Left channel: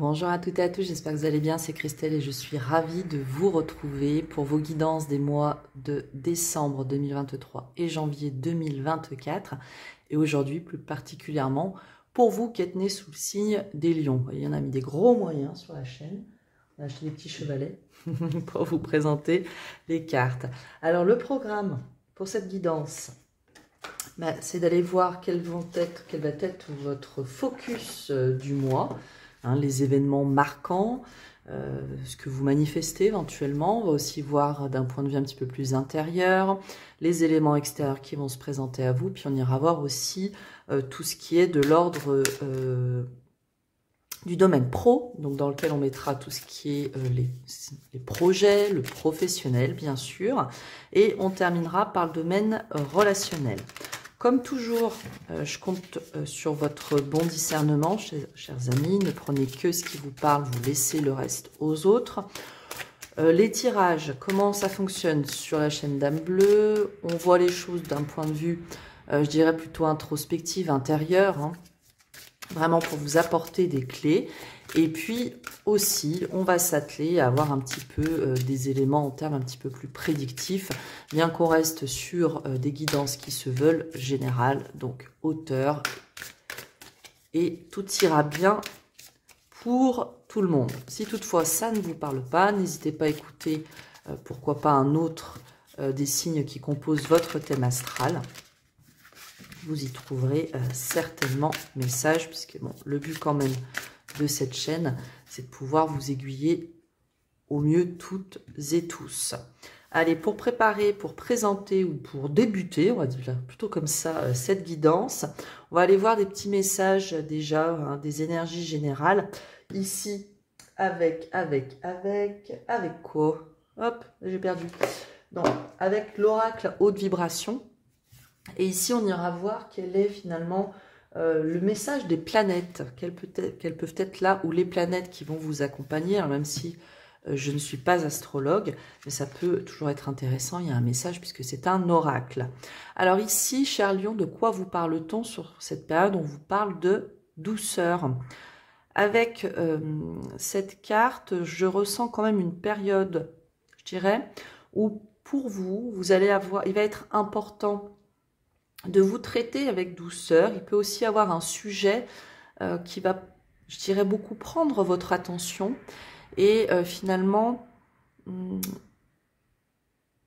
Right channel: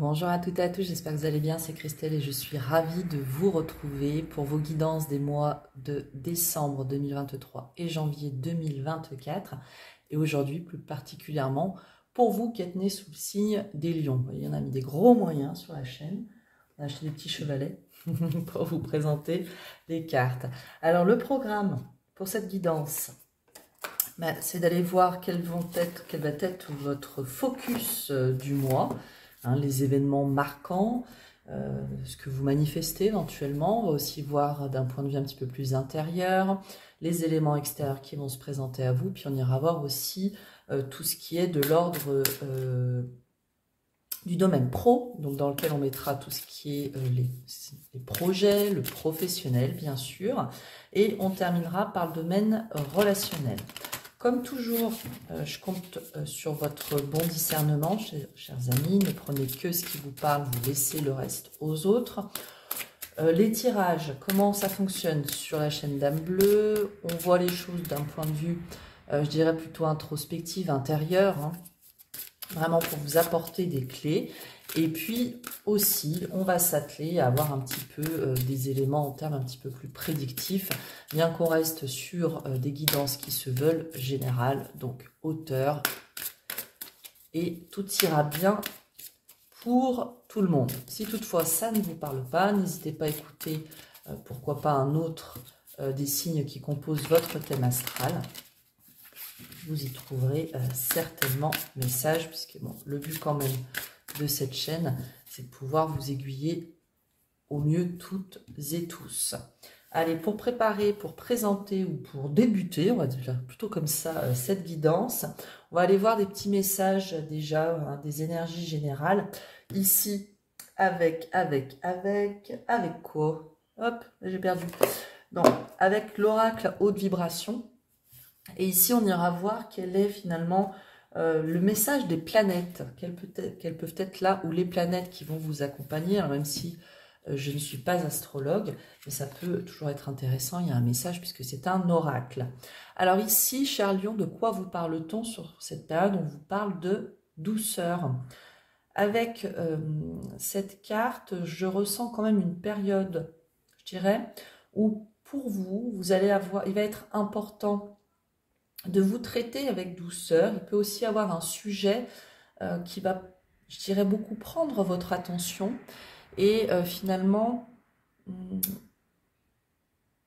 Bonjour à toutes et à tous, j'espère que vous allez bien, c'est Christelle et je suis ravie de vous retrouver pour vos guidances des mois de décembre 2023 et janvier 2024. Et aujourd'hui, plus particulièrement, pour vous qui êtes nés sous le signe des lions. Vous voyez, on a mis des gros moyens sur la chaîne, on a acheté des petits chevalets pour vous présenter les cartes. Alors le programme pour cette guidance, c'est d'aller voir quel va être votre focus du mois. Les événements marquants, ce que vous manifestez éventuellement. On va aussi voir d'un point de vue un petit peu plus intérieur, les éléments extérieurs qui vont se présenter à vous. Puis on ira voir aussi tout ce qui est de l'ordre du domaine pro, donc dans lequel on mettra tout ce qui est les projets, le professionnel bien sûr. Et on terminera par le domaine relationnel. Comme toujours, je compte sur votre bon discernement, chers amis. Ne prenez que ce qui vous parle, vous laissez le reste aux autres. Les tirages, comment ça fonctionne sur la chaîne Dame Bleue? On voit les choses d'un point de vue, je dirais plutôt introspective, intérieur, vraiment pour vous apporter des clés. Et puis aussi, on va s'atteler à avoir un petit peu des éléments en termes un petit peu plus prédictifs, bien qu'on reste sur des guidances qui se veulent générales, donc hauteur. Et tout ira bien pour tout le monde. Si toutefois ça ne vous parle pas, n'hésitez pas à écouter, pourquoi pas un autre des signes qui composent votre thème astral. Vous y trouverez certainement message, puisque bon, le but quand même de cette chaîne, c'est de pouvoir vous aiguiller au mieux toutes et tous. Allez, pour préparer, pour présenter ou pour débuter, on va dire plutôt comme ça, cette guidance, on va aller voir des petits messages déjà, des énergies générales. Ici, avec quoi? Hop, j'ai perdu. Non, avec l'oracle haute vibration. Et ici, on ira voir quel est finalement le message des planètes. Quelles peuvent être là, ou les planètes qui vont vous accompagner. Alors, même si je ne suis pas astrologue, mais ça peut toujours être intéressant. Il y a un message puisque c'est un oracle. Alors ici, cher Lion, de quoi vous parle-t-on sur cette période? On vous parle de douceur. Avec cette carte, je ressens quand même une période, je dirais, où pour vous, vous allez avoir, il va être important de vous traiter avec douceur. Il peut aussi avoir un sujet qui va, je dirais, beaucoup prendre votre attention. Et finalement,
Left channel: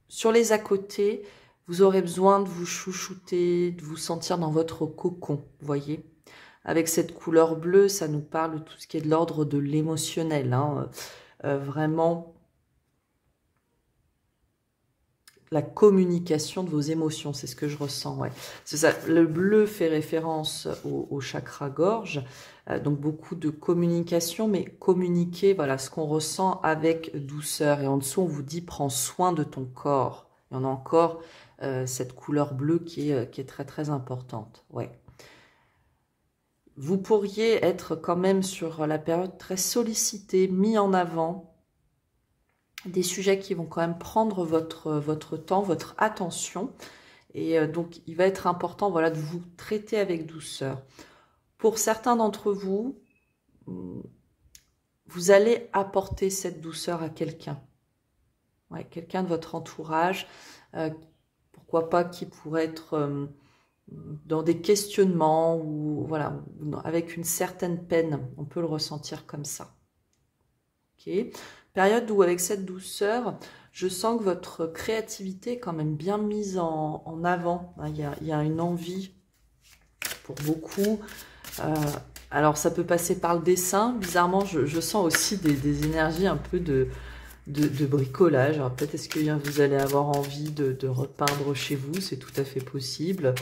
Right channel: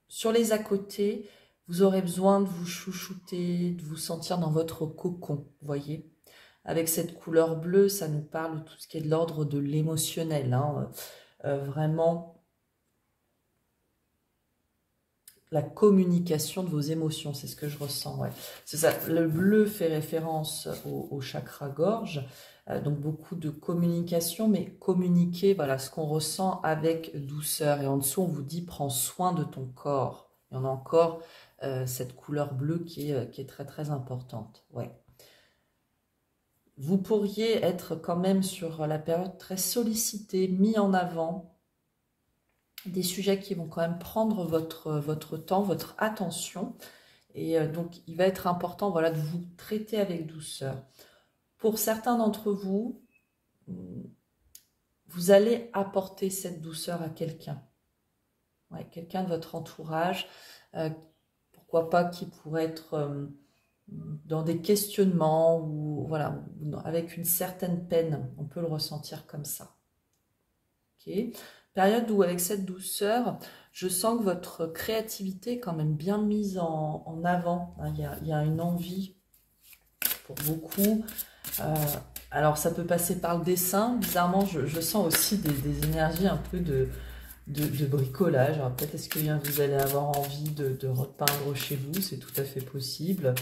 sur les à côté, vous aurez besoin de vous chouchouter, de vous sentir dans votre cocon, vous voyez. Avec cette couleur bleue, ça nous parle de tout ce qui est de l'ordre de l'émotionnel. Vraiment, la communication de vos émotions, c'est ce que je ressens, ouais. C'est ça, le bleu fait référence au chakra gorge, donc beaucoup de communication, mais communiquer, voilà, ce qu'on ressent avec douceur. Et en dessous, on vous dit, prends soin de ton corps. Et on a encore cette couleur bleue qui est très, très importante, ouais. Vous pourriez être quand même sur la période très sollicitée, mis en avant, des sujets qui vont quand même prendre votre temps, votre attention. Et donc, il va être important, voilà, de vous traiter avec douceur. Pour certains d'entre vous, vous allez apporter cette douceur à quelqu'un. Ouais, quelqu'un de votre entourage, pourquoi pas qui pourrait être dans des questionnements ou voilà, avec une certaine peine. On peut le ressentir comme ça. Ok. Période où avec cette douceur, je sens que votre créativité est quand même bien mise en avant. Il y a une envie pour beaucoup. Alors ça peut passer par le dessin. Bizarrement, je sens aussi des énergies un peu de bricolage. Alors peut-être est-ce que vous allez avoir envie de repeindre chez vous. C'est tout à fait possible.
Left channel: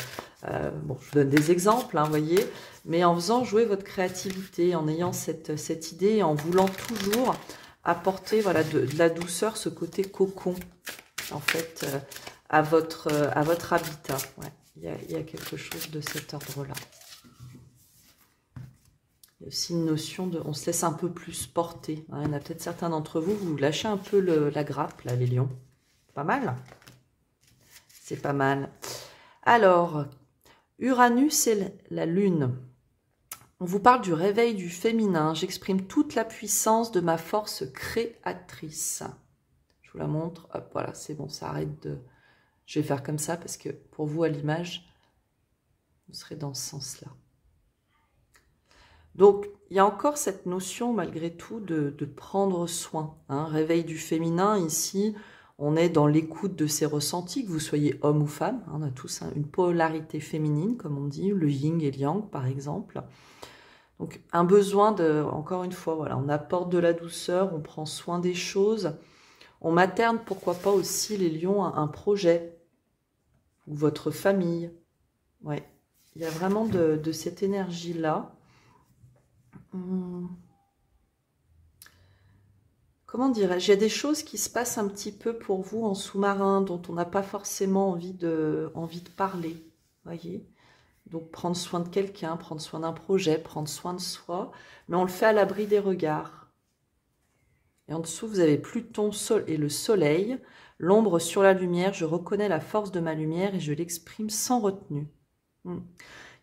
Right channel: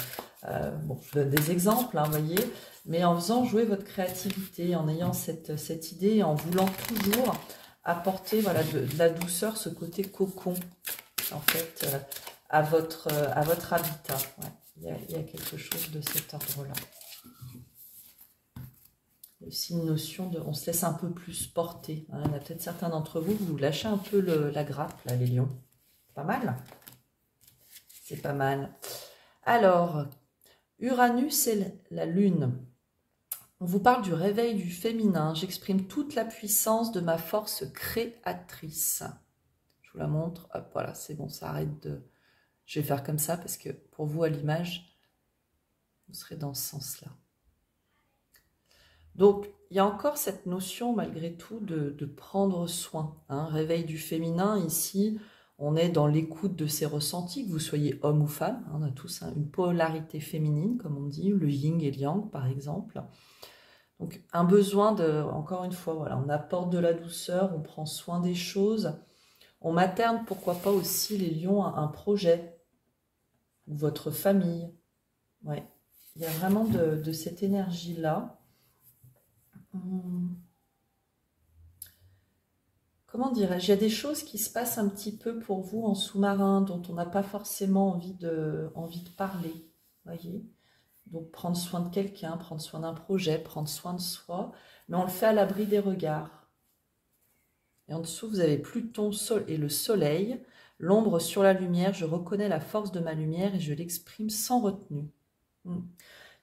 Bon, je vous donne des exemples, vous voyez. Mais en faisant jouer votre créativité, en ayant cette idée, en voulant toujours apporter voilà, de la douceur, ce côté cocon, en fait, à votre habitat. Ouais, il y a quelque chose de cet ordre-là. Il y a aussi une notion de... On se laisse un peu plus porter. Il y en a peut-être certains d'entre vous, vous lâchez un peu la grappe, là, les lions. Pas mal? C'est pas mal. Alors, Uranus et la Lune. On vous parle du réveil du féminin. J'exprime toute la puissance de ma force créatrice. Je vous la montre. Hop, voilà, c'est bon, ça arrête de... Je vais faire comme ça parce que pour vous, à l'image, vous serez dans ce sens-là. Donc, il y a encore cette notion, malgré tout, de prendre soin. Hein. Réveil du féminin, ici, on est dans l'écoute de ses ressentis, que vous soyez homme ou femme. Hein, on a tous une polarité féminine, comme on dit, le yin et le yang, par exemple. Donc, un besoin de, encore une fois, voilà, on apporte de la douceur, on prend soin des choses. On materne, pourquoi pas aussi, les lions, un projet, ou votre famille. Ouais, il y a vraiment de cette énergie-là. Comment dirais-je, il y a des choses qui se passent un petit peu pour vous en sous-marin, dont on n'a pas forcément envie de parler, voyez. Donc prendre soin de quelqu'un, prendre soin d'un projet, prendre soin de soi, mais on le fait à l'abri des regards. Et en dessous, vous avez Pluton et le soleil, l'ombre sur la lumière, je reconnais la force de ma lumière et je l'exprime sans retenue. Il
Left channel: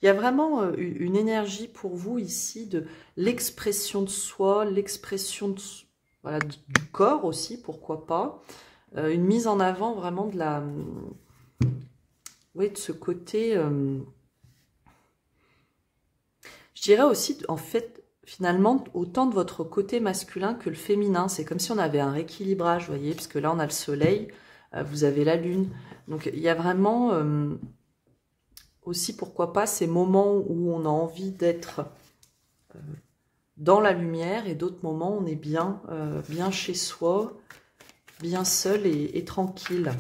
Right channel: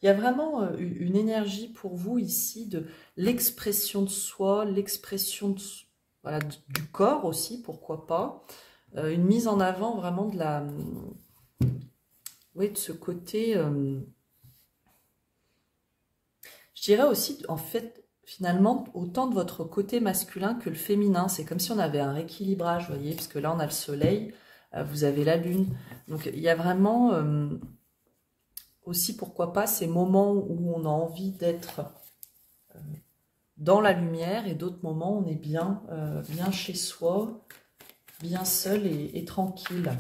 y a vraiment une énergie pour vous ici de l'expression de soi, l'expression voilà, du corps aussi, pourquoi pas. Une mise en avant vraiment de la... Oui, de ce côté... je dirais aussi, en fait, finalement, autant de votre côté masculin que le féminin. C'est comme si on avait un rééquilibrage, vous voyez, parce que là, on a le soleil, vous avez la lune. Donc, il y a vraiment... aussi, pourquoi pas, ces moments où on a envie d'être dans la lumière et d'autres moments où on est bien, bien chez soi, bien seul et tranquille.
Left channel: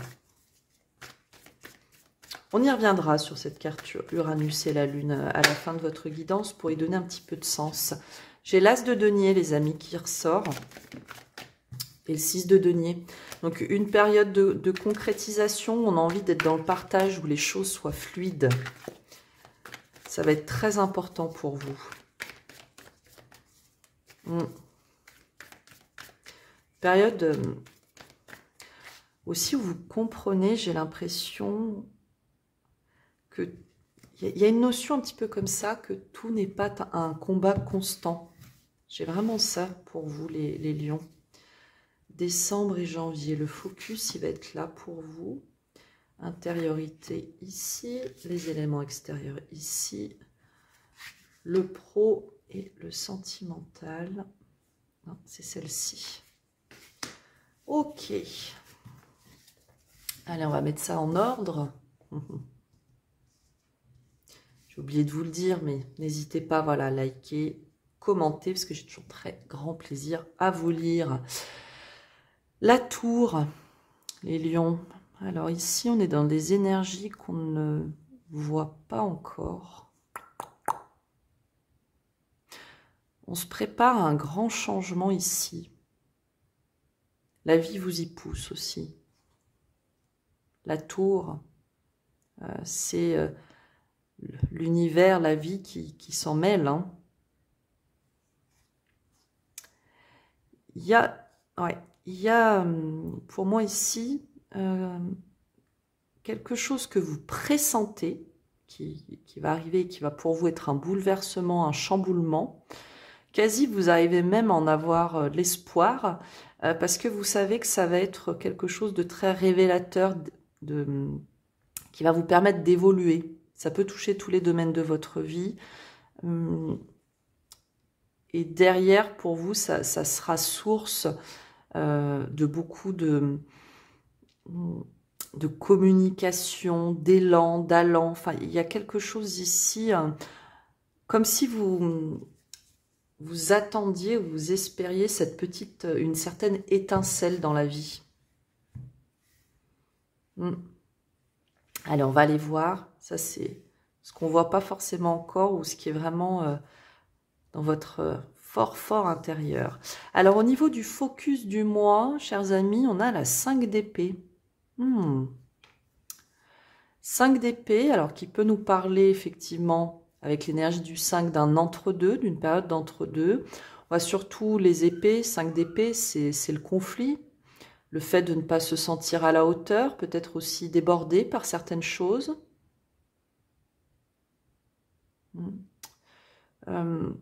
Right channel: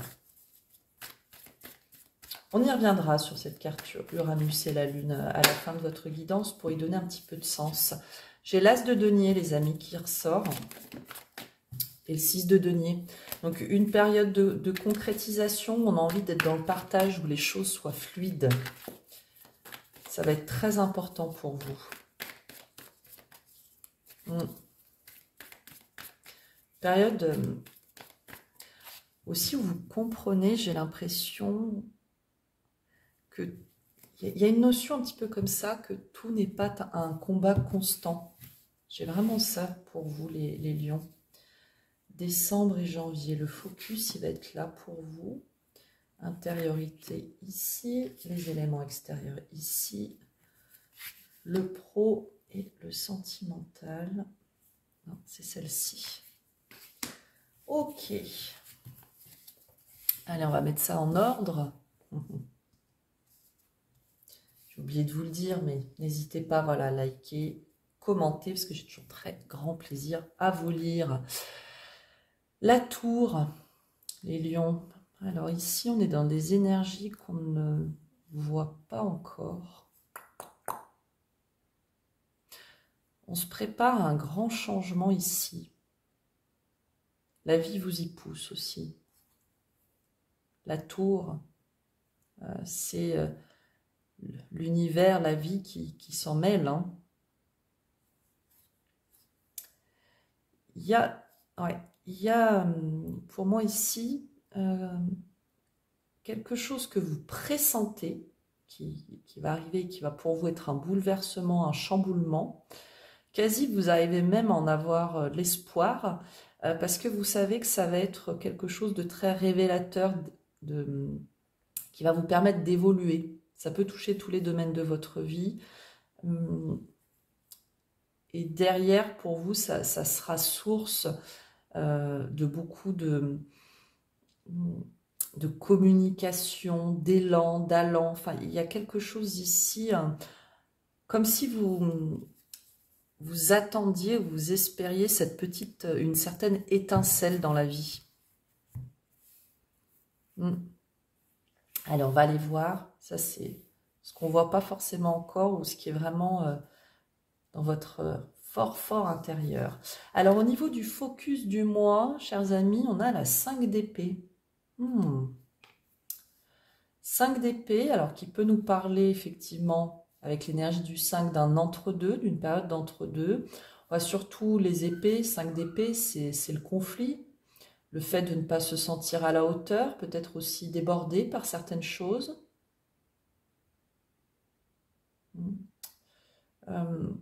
On y reviendra sur cette carte Uranus et la Lune à la fin de votre guidance pour y donner un petit peu de sens. J'ai l'As de denier, les amis, qui ressort et le 6 de denier. Donc, une période de concrétisation, on a envie d'être dans le partage où les choses soient fluides. Ça va être très important pour vous. Période aussi où vous comprenez, j'ai l'impression que il y a une notion un petit peu comme ça, que tout n'est pas un combat constant. J'ai vraiment ça pour vous, les lions. Décembre et janvier, le focus, il va être là pour vous. Intériorité ici, les éléments extérieurs ici, le pro et le sentimental. C'est celle-ci. Ok. Allez, on va mettre ça en ordre. J'ai oublié de vous le dire, mais n'hésitez pas, voilà, à liker, commenter, parce que j'ai toujours très grand plaisir à vous lire. La tour, les lions. Alors ici, on est dans des énergies qu'on ne voit pas encore. On se prépare à un grand changement ici. La vie vous y pousse aussi. La tour, c'est l'univers, la vie qui s'en mêle. Hein. Il y a pour moi ici quelque chose que vous pressentez qui va arriver, qui va pour vous être un bouleversement, un chamboulement. Quasi, vous arrivez même à en avoir l'espoir parce que vous savez que ça va être quelque chose de très révélateur, qui va vous permettre d'évoluer. Ça peut toucher tous les domaines de votre vie. Et derrière, pour vous, ça sera source de beaucoup de communication, d'élan, d'allant. Enfin, il y a quelque chose ici, comme si vous attendiez, vous espériez une certaine étincelle dans la vie. Allez, on va aller voir. Ça, c'est ce qu'on ne voit pas forcément encore ou ce qui est vraiment dans votre fort intérieur. Alors, au niveau du focus du mois, chers amis, on a la 5 d'épée. 5 d'épée, alors qui peut nous parler effectivement avec l'énergie du 5 d'un entre-deux, d'une période d'entre-deux. On voit surtout les épées, 5 d'épée, c'est le conflit, le fait de ne pas se sentir à la hauteur, peut-être aussi débordé par certaines choses. on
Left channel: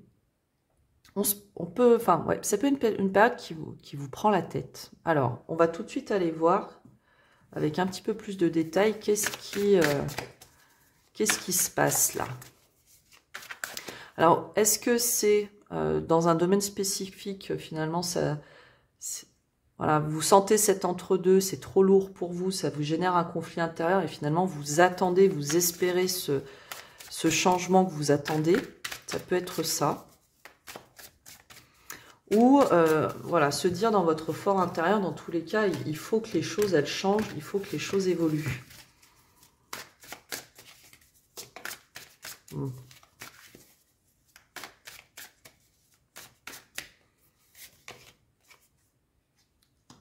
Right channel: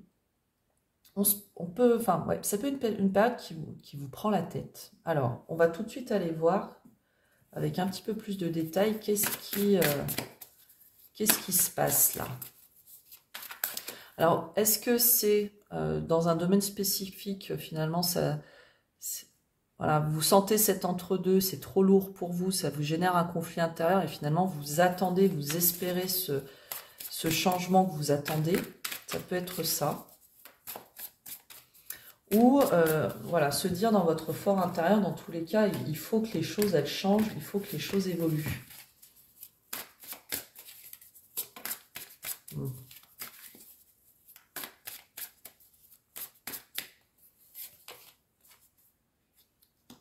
peut, enfin, ouais, ça peut être une période qui vous prend la tête. Alors, on va tout de suite aller voir avec un petit peu plus de détails qu'est-ce qui se passe là. Alors, est-ce que c'est dans un domaine spécifique, finalement, voilà, vous sentez cet entre-deux, c'est trop lourd pour vous, ça vous génère un conflit intérieur et finalement, vous attendez, vous espérez ce changement que vous attendez. Ça peut être ça. Ou, voilà, se dire dans votre fort intérieur, dans tous les cas, il faut que les choses, elles changent, il faut que les choses évoluent.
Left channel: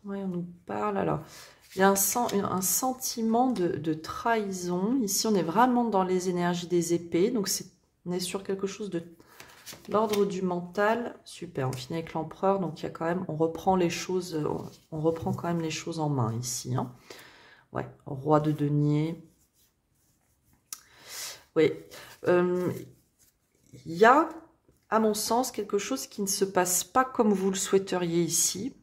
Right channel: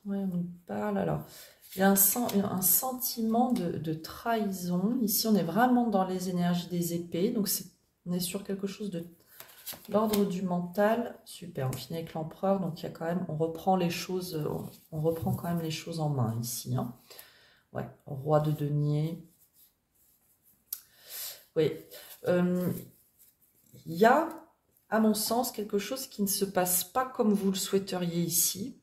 Oui, on nous parle, alors, il y a un sentiment de trahison. Ici, on est vraiment dans les énergies des épées, donc on est sur quelque chose de l'ordre du mental. Super, on finit avec l'empereur, donc il y a quand même, on reprend quand même les choses en main ici. Hein. Ouais, roi de denier. Oui, il y a, à mon sens, quelque chose qui ne se passe pas comme vous le souhaiteriez ici.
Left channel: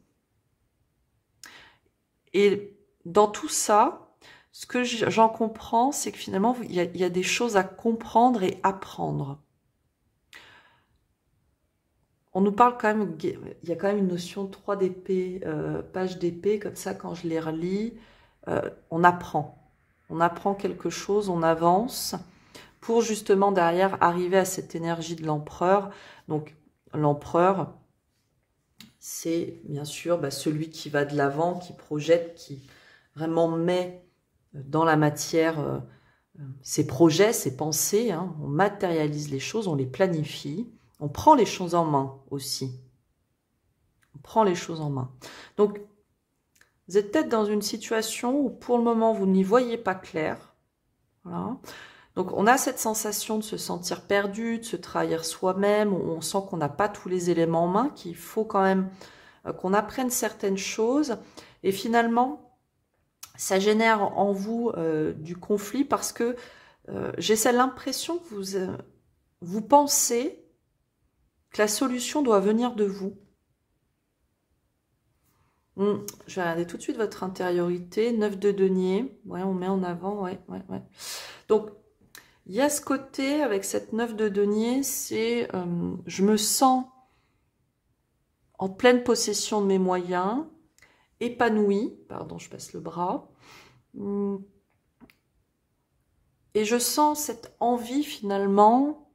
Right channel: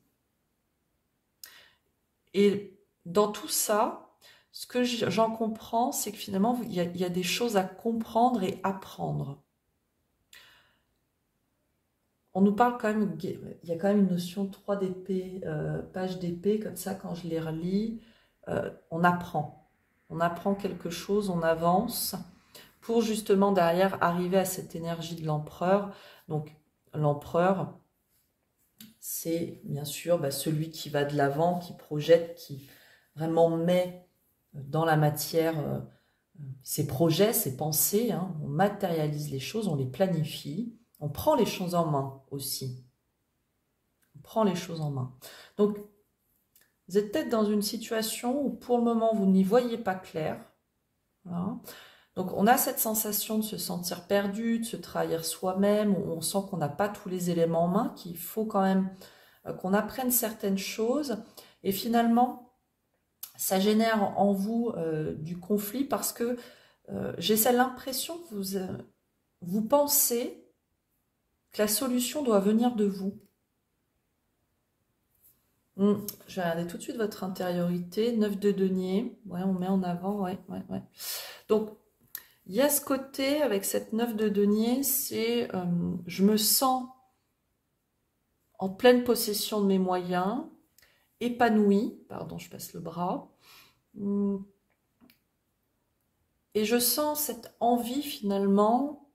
Et dans tout ça, ce que j'en comprends, c'est que finalement, il y a des choses à comprendre et apprendre. On nous parle quand même, il y a quand même une notion 3 d'épée, page d'épée, comme ça, quand je les relis, on apprend. On apprend quelque chose, on avance, pour justement derrière arriver à cette énergie de l'empereur. Donc, l'empereur, c'est bien sûr celui qui va de l'avant, qui projette, qui vraiment met dans la matière ses projets, ses pensées. Hein. On matérialise les choses, on les planifie. On prend les choses en main aussi. On prend les choses en main. Donc, vous êtes peut-être dans une situation où pour le moment, vous n'y voyez pas clair. Voilà. Donc, on a cette sensation de se sentir perdu, de se trahir soi-même. On sent qu'on n'a pas tous les éléments en main, qu'il faut quand même qu'on apprenne certaines choses. Et finalement, ça génère en vous du conflit parce que j'ai l'impression que vous pensez que la solution doit venir de vous. Je vais regarder tout de suite votre intériorité. 9 de denier. Ouais, on met en avant. Ouais. Donc, il y a ce côté avec cette 9 de denier, c'est je me sens en pleine possession de mes moyens, épanouie. Pardon, je passe le bras. Et je sens cette envie finalement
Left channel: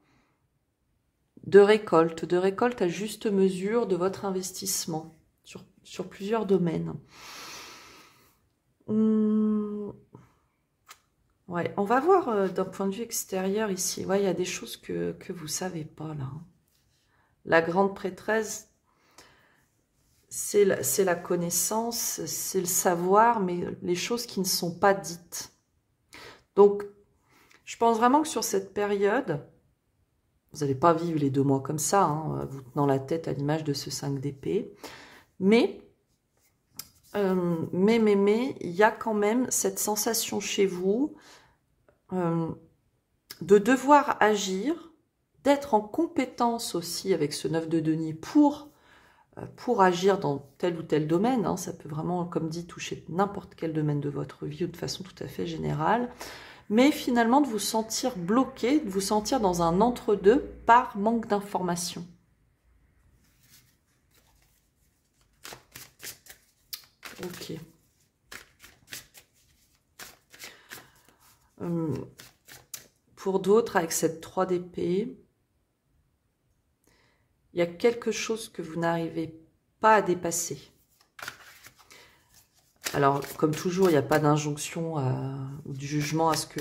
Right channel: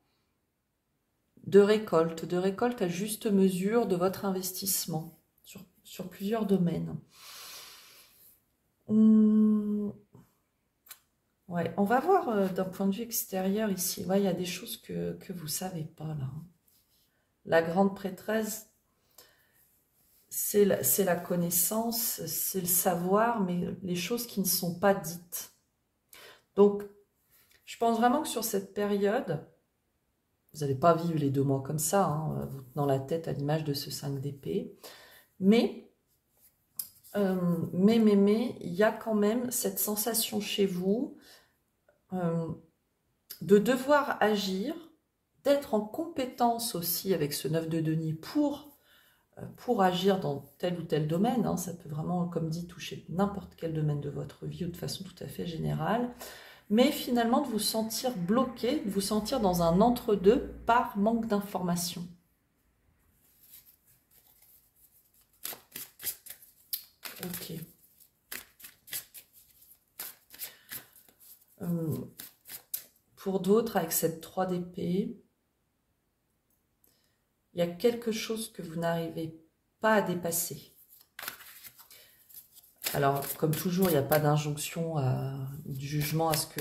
de récolte à juste mesure de votre investissement sur plusieurs domaines. Ouais, on va voir d'un point de vue extérieur ici. Ouais, il y a des choses que vous ne savez pas là. La grande prêtresse, c'est la connaissance, c'est le savoir, mais les choses qui ne sont pas dites. Donc, je pense vraiment que sur cette période, vous n'allez pas vivre les 2 mois comme ça, hein, vous tenant la tête à l'image de ce 5 d'épée. Mais, il y a quand même cette sensation chez vous de devoir agir, d'être en compétence aussi avec ce 9 de denier pour agir dans tel ou tel domaine. Hein, ça peut vraiment, comme dit, toucher n'importe quel domaine de votre vie ou de façon tout à fait générale. Mais finalement de vous sentir bloqué, de vous sentir dans un entre-deux par manque d'information. Ok. Pour d'autres, avec cette 3 d'épée, il y a quelque chose que vous n'arrivez pas à dépasser. Alors, comme toujours, il n'y a pas d'injonction ou du jugement à ce que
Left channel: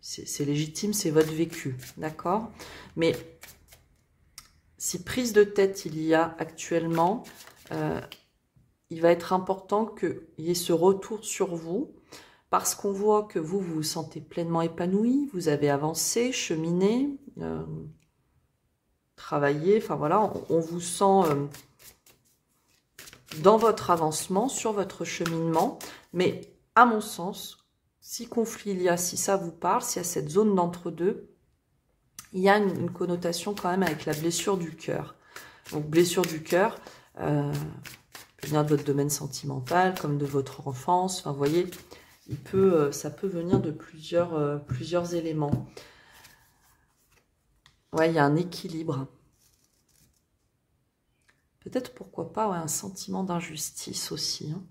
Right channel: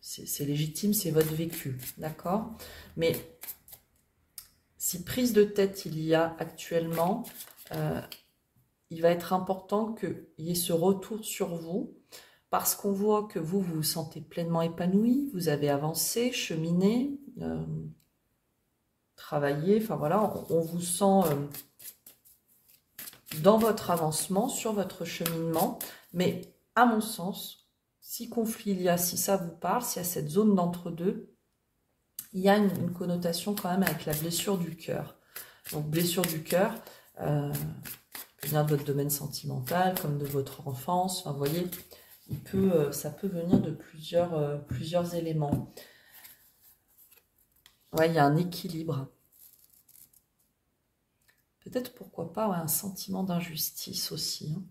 c'est légitime, c'est votre vécu, d'accord? Mais si prise de tête il y a actuellement, il va être important qu'il y ait ce retour sur vous, parce qu'on voit que vous vous sentez pleinement épanoui, vous avez avancé, cheminé, travaillé, enfin voilà, on vous sent dans votre avancement, sur votre cheminement, mais à mon sens, si conflit il y a, si ça vous parle, s'il y a cette zone d'entre-deux, il y a une connotation quand même avec la blessure du cœur. Donc, blessure du cœur, peut venir de votre domaine sentimental, comme de votre enfance. Enfin, vous voyez, ça peut venir de plusieurs éléments. Ouais, il y a un équilibre. Peut-être, pourquoi pas, ouais, un sentiment d'injustice aussi. Hein.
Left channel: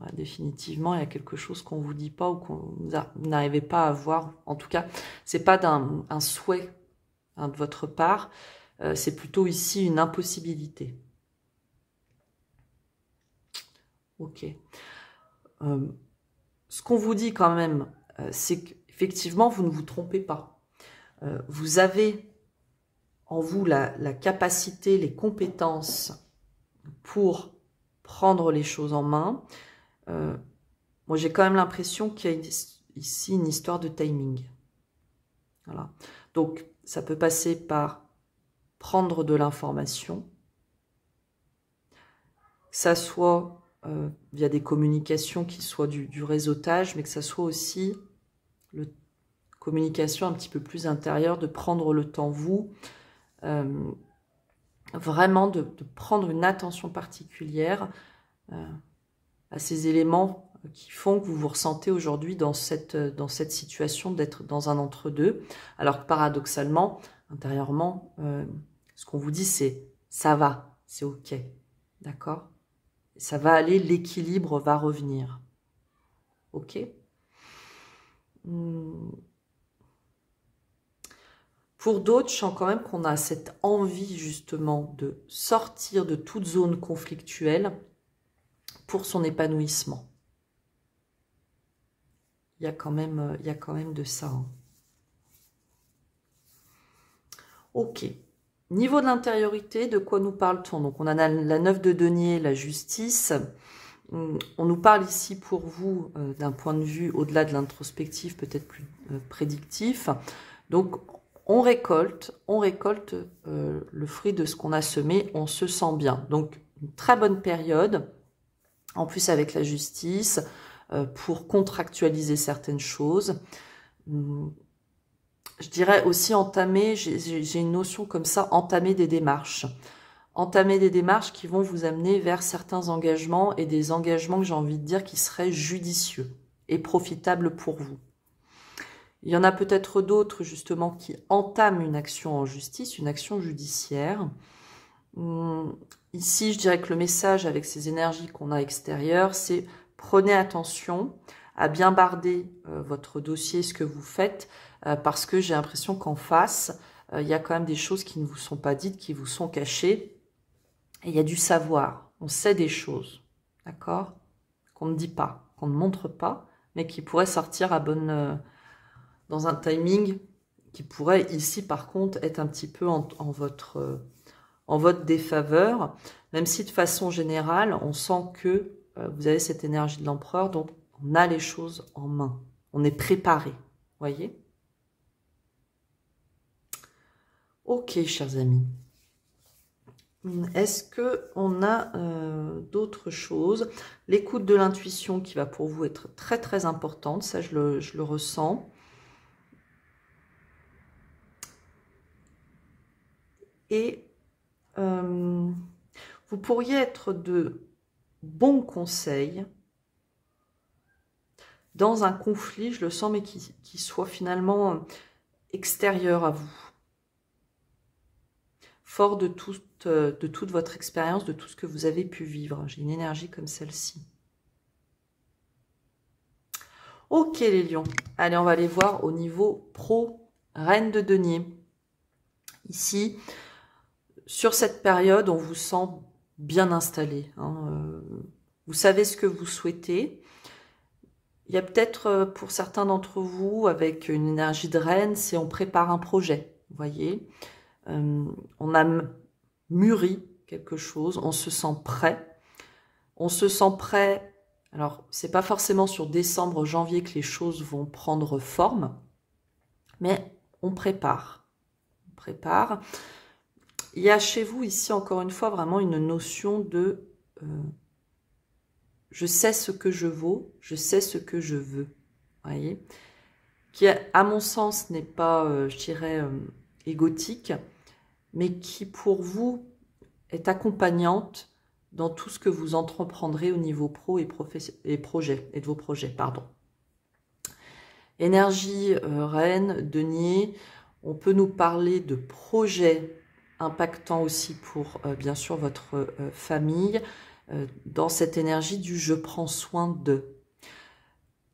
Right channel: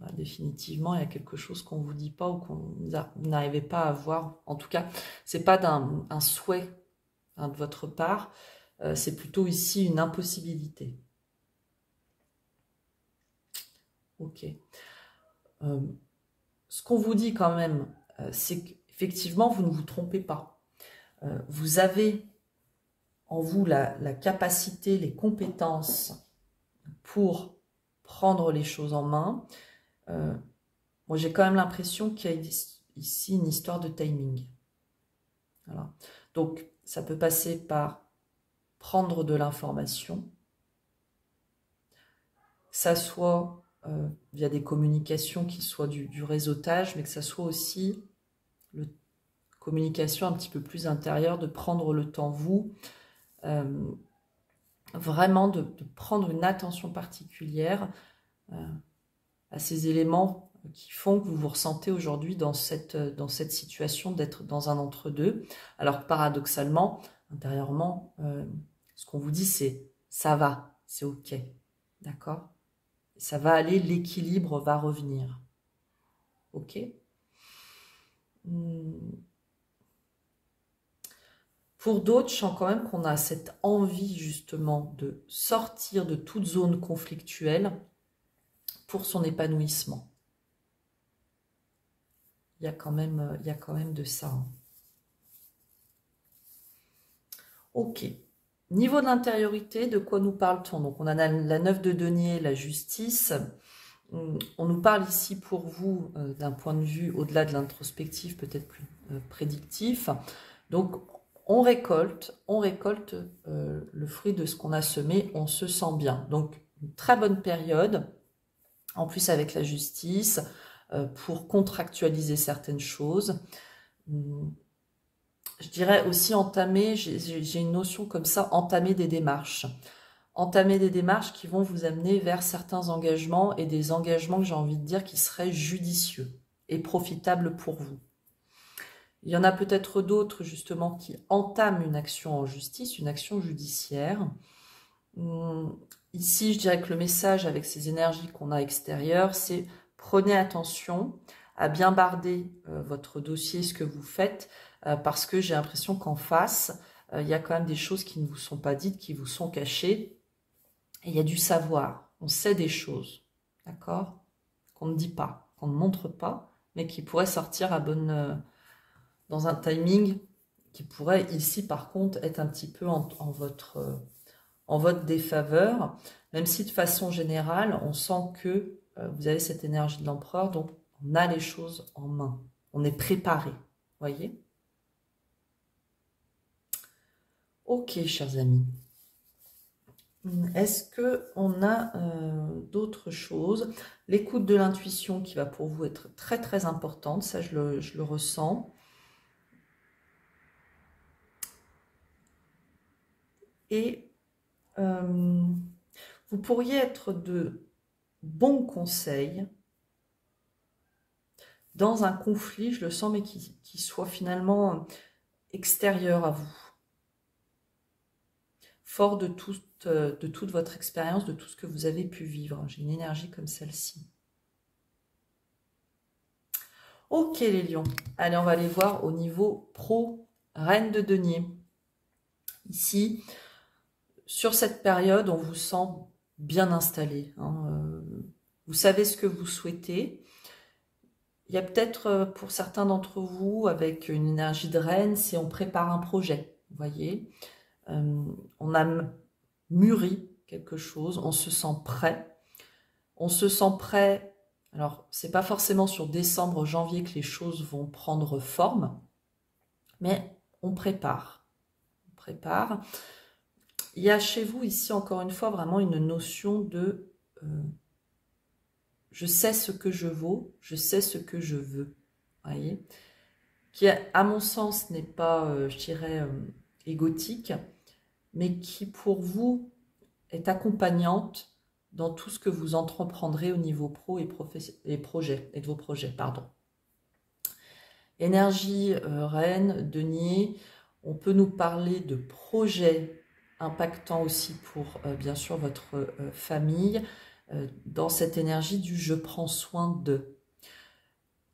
Ouais, définitivement, il y a quelque chose qu'on ne vous dit pas ou que vous n'arrivez pas à voir. En tout cas, ce n'est pas un souhait hein, de votre part. C'est plutôt ici une impossibilité. Ok. Ce qu'on vous dit quand même, c'est qu'effectivement, vous ne vous trompez pas. Vous avez en vous la capacité, les compétences pour prendre les choses en main. Moi, j'ai quand même l'impression qu'il y a ici une histoire de timing. Voilà. Donc, ça peut passer par prendre de l'information, que ça soit via des communications qui soient du réseautage, mais que ça soit aussi communication un petit peu plus intérieure, de prendre le temps, vous, vraiment de prendre une attention particulière à ces éléments qui font que vous vous ressentez aujourd'hui dans cette situation d'être dans un entre-deux. Alors que paradoxalement, intérieurement, ce qu'on vous dit, c'est ça va, c'est ok, d'accord? Ça va aller, l'équilibre va revenir. Ok? Pour d'autres, je sens quand même qu'on a cette envie justement de sortir de toute zone conflictuelle pour son épanouissement. Il y a quand même de ça. Hein. Ok. Niveau de l'intériorité, de quoi nous parle-t-on? Donc, on a la 9 de denier, la justice. On nous parle ici pour vous d'un point de vue au-delà de l'introspectif, peut-être plus prédictif. Donc, on récolte le fruit de ce qu'on a semé, on se sent bien. Donc, une très bonne période, en plus avec la justice, pour contractualiser certaines choses. Je dirais aussi entamer, j'ai une notion comme ça, entamer des démarches. Entamer des démarches qui vont vous amener vers certains engagements et des engagements que j'ai envie de dire qui seraient judicieux et profitables pour vous. Il y en a peut-être d'autres justement qui entament une action en justice, une action judiciaire. Ici, je dirais que le message avec ces énergies qu'on a extérieures, c'est prenez attention à bien barder votre dossier, ce que vous faites, parce que j'ai l'impression qu'en face, il y a quand même des choses qui ne vous sont pas dites, qui vous sont cachées. Et il y a du savoir, on sait des choses, d'accord? Qu'on ne dit pas, qu'on ne montre pas, mais qui pourraient sortir dans un timing qui pourrait ici par contre être un petit peu en votre défaveur, même si de façon générale, on sent que vous avez cette énergie de l'empereur, donc on a les choses en main, on est préparé, voyez? Ok, chers amis. Est-ce qu'on a d'autres choses? L'écoute de l'intuition qui va pour vous être très très importante, ça je le ressens. Et vous pourriez être de bons conseils dans un conflit, je le sens, mais qui soit finalement extérieur à vous. Fort de toute votre expérience, de tout ce que vous avez pu vivre. J'ai une énergie comme celle-ci. Ok les lions. Allez, on va aller voir au niveau pro, reine de denier. Ici, sur cette période, on vous sent bien installé. Hein. Vous savez ce que vous souhaitez. Il y a peut-être pour certains d'entre vous, avec une énergie de reine, c'est on prépare un projet, vous voyez. On a mûri quelque chose, on se sent prêt. On se sent prêt, alors c'est pas forcément sur décembre, janvier que les choses vont prendre forme, mais on prépare. On prépare. Il y a chez vous ici, encore une fois, vraiment une notion de je sais ce que je vaux, je sais ce que je veux. Voyez, qui, à mon sens, n'est pas, je dirais, égotique, mais qui, pour vous, est accompagnante dans tout ce que vous entreprendrez au niveau pro et de vos projets, pardon. Énergie reine, denier, on peut nous parler de projets impactants aussi pour, bien sûr, votre famille, dans cette énergie du « je prends soin de »,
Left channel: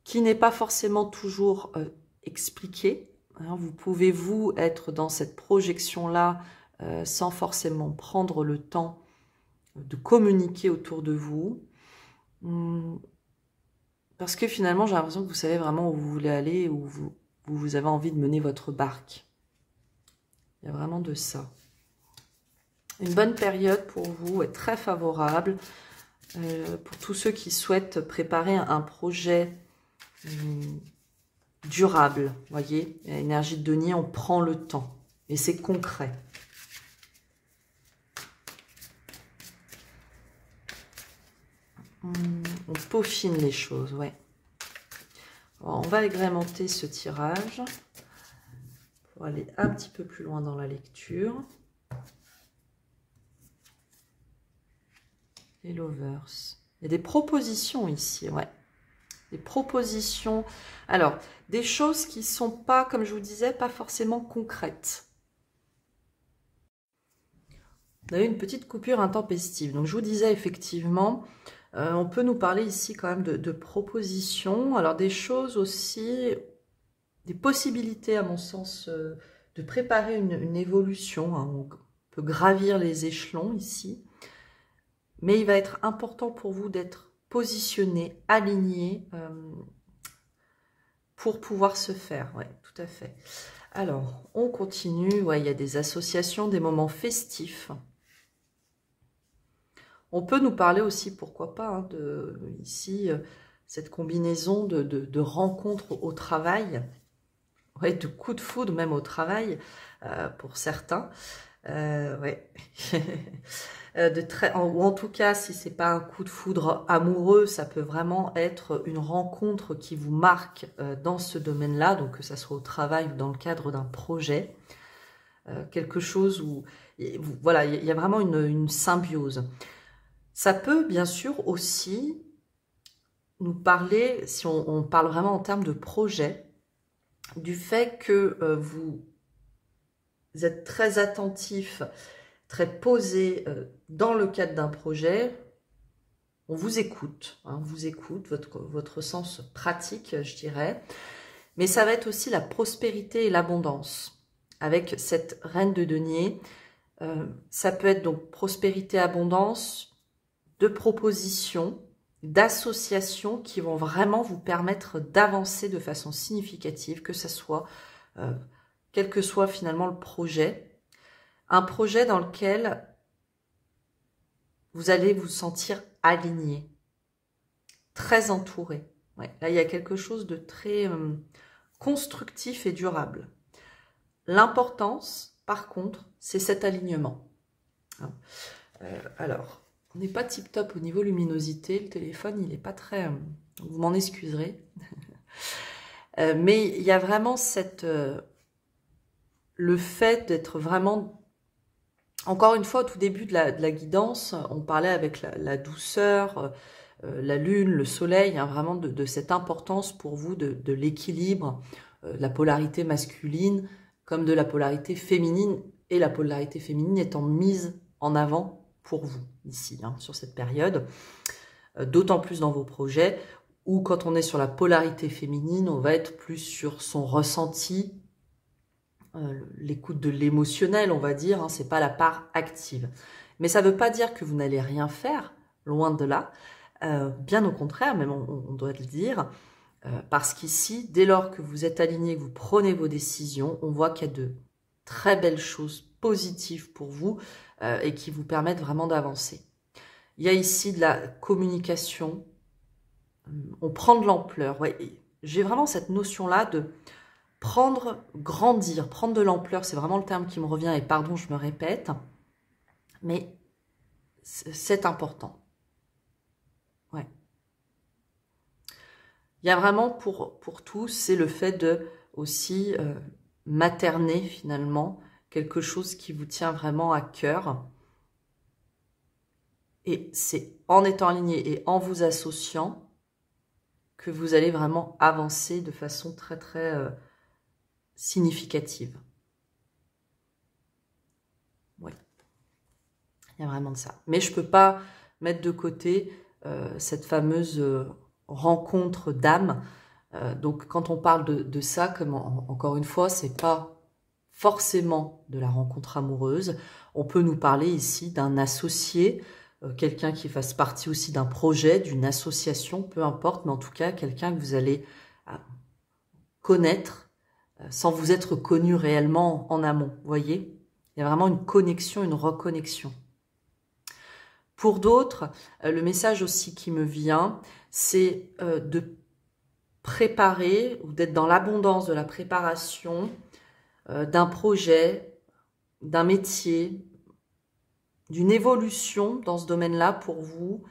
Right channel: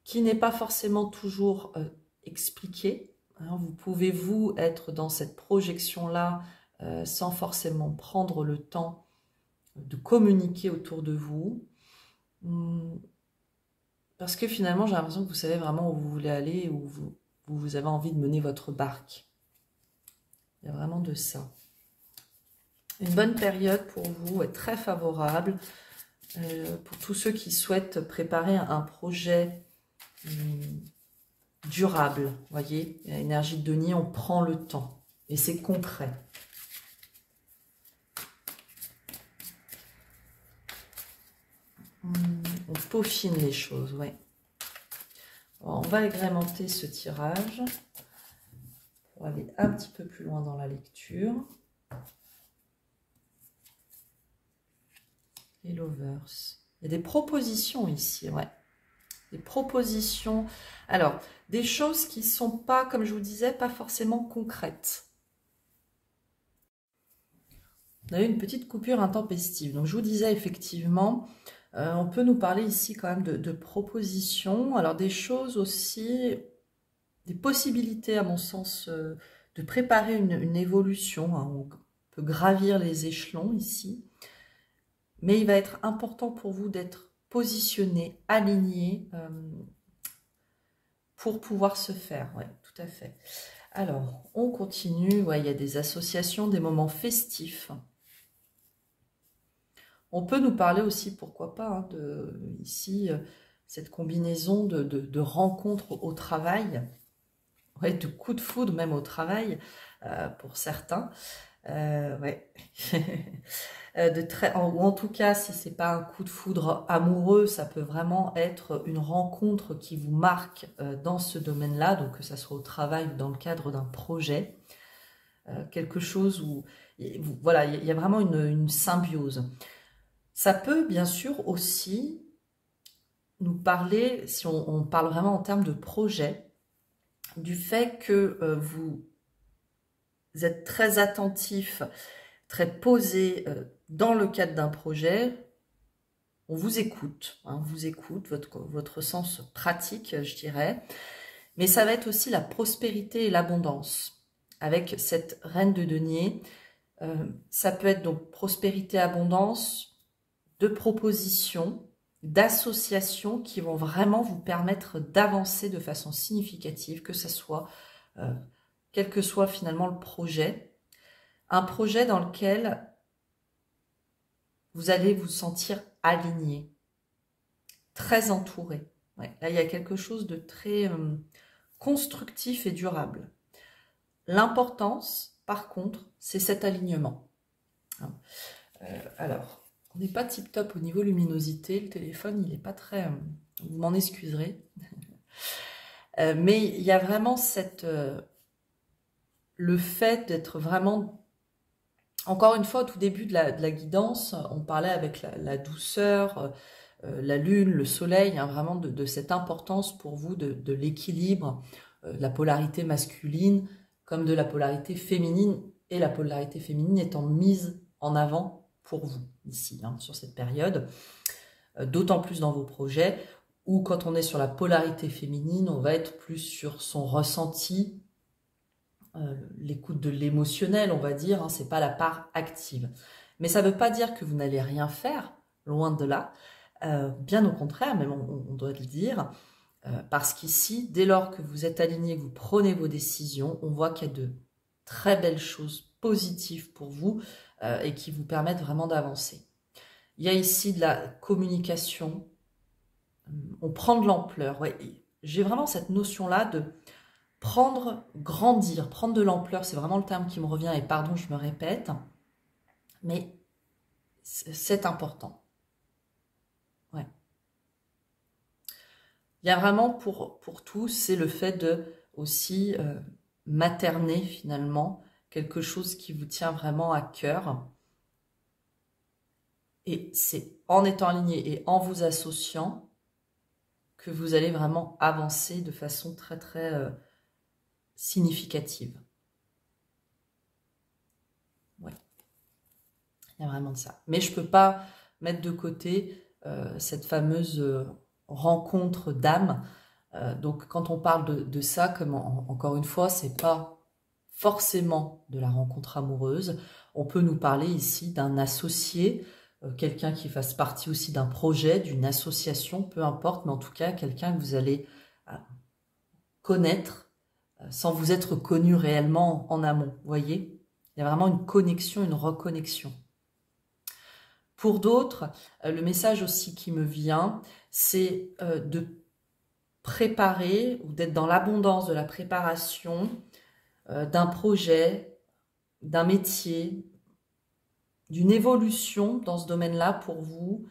qui n'est pas forcément toujours expliqué. Hein, vous pouvez, vous, être dans cette projection-là sans forcément prendre le temps de communiquer autour de vous. Parce que finalement, j'ai l'impression que vous savez vraiment où vous voulez aller, où vous avez envie de mener votre barque. Il y a vraiment de ça. Une bonne période pour vous est très favorable. Pour tous ceux qui souhaitent préparer un projet durable, voyez, énergie de denier, on prend le temps et c'est concret. On peaufine les choses, ouais. Alors, on va agrémenter ce tirage pour aller un petit peu plus loin dans la lecture. Les lovers. Il y a des propositions ici, ouais. Des propositions. Alors, des choses qui ne sont pas, comme je vous disais, pas forcément concrètes. On a eu une petite coupure intempestive. Donc, je vous disais effectivement, on peut nous parler ici quand même de propositions. Alors, des choses aussi, des possibilités à mon sens de préparer une évolution. Hein. On peut gravir les échelons ici. Mais il va être important pour vous d'être positionné, aligné pour pouvoir se faire. Oui, tout à fait. Alors, on continue. Ouais, il y a des associations, des moments festifs. On peut nous parler aussi, pourquoi pas, hein, ici, cette combinaison de rencontres au travail, ouais, de coups de foudre même au travail, pour certains. Ouais. Ou en tout cas, si ce n'est pas un coup de foudre amoureux, ça peut vraiment être une rencontre qui vous marque dans ce domaine-là, donc que ça soit au travail ou dans le cadre d'un projet. Quelque chose où, voilà, il y a vraiment une symbiose. Ça peut bien sûr aussi nous parler, si on parle vraiment en termes de projet, du fait que vous êtes très attentif, très posé dans le cadre d'un projet. On vous écoute, hein, on vous écoute, votre sens pratique, je dirais. Mais ça va être aussi la prospérité et l'abondance. Avec cette reine de denier, ça peut être donc prospérité, abondance, de propositions, d'associations qui vont vraiment vous permettre d'avancer de façon significative, que ce soit, quel que soit finalement le projet. Un projet dans lequel vous allez vous sentir aligné, très entouré. Ouais, là, il y a quelque chose de très constructif et durable. L'importance, par contre, c'est cet alignement. Alors, on n'est pas tip-top au niveau luminosité. Le téléphone, il n'est pas très... vous m'en excuserez. Mais il y a vraiment le fait d'être vraiment... Encore une fois, au tout début de la guidance, on parlait avec la douceur, la lune, le soleil, hein, vraiment de cette importance pour vous de l'équilibre, de la polarité masculine comme de la polarité féminine, et la polarité féminine étant mise en avant pour vous ici, hein, sur cette période, d'autant plus dans vos projets, où quand on est sur la polarité féminine, on va être plus sur son ressenti, l'écoute de l'émotionnel, on va dire, hein, c'est pas la part active. Mais ça ne veut pas dire que vous n'allez rien faire, loin de là, bien au contraire, même on doit le dire, parce qu'ici, dès lors que vous êtes aligné, vous prenez vos décisions, on voit qu'il y a de très belles choses positives pour vous et qui vous permettent vraiment d'avancer. Il y a ici de la communication, on prend de l'ampleur. Ouais, j'ai vraiment cette notion-là de grandir, prendre de l'ampleur, c'est vraiment le terme qui me revient, et pardon, je me répète, mais c'est important. Ouais. Il y a vraiment pour tous, c'est le fait de aussi materner finalement quelque chose qui vous tient vraiment à cœur. Et c'est en étant aligné et en vous associant que vous allez vraiment avancer de façon très très significative. Ouais, il y a vraiment de ça. Mais je ne peux pas mettre de côté cette fameuse rencontre d'âme. Donc quand on parle de ça, comme encore une fois, c'est pas forcément de la rencontre amoureuse. On peut nous parler ici d'un associé, quelqu'un qui fasse partie aussi d'un projet, d'une association, peu importe, mais en tout cas quelqu'un que vous allez connaître sans vous être connu réellement en amont. Vous voyez, il y a vraiment une connexion, une reconnexion. Pour d'autres, le message aussi qui me vient, c'est de préparer ou d'être dans l'abondance de la préparation d'un projet, d'un métier, d'une évolution dans ce domaine-là pour vous,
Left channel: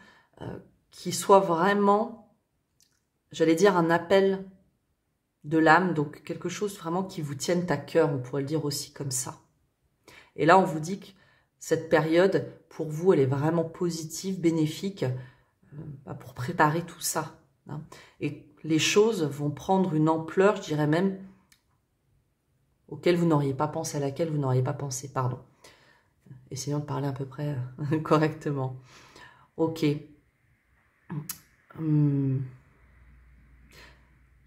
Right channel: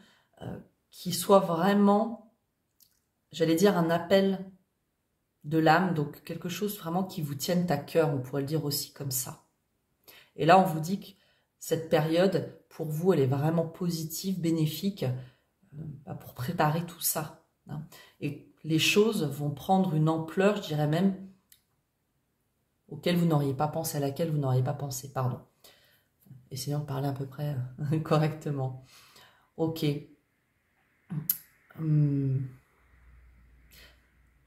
qui soit vraiment, j'allais dire, un appel de l'âme, donc quelque chose vraiment qui vous tienne à cœur, on pourrait le dire aussi comme ça. Et là, on vous dit que cette période, pour vous, elle est vraiment positive, bénéfique, pour préparer tout ça. Hein. Et les choses vont prendre une ampleur, je dirais même, auquel vous n'auriez pas pensé, à laquelle vous n'auriez pas pensé, pardon. Essayons de parler à peu près correctement. Ok.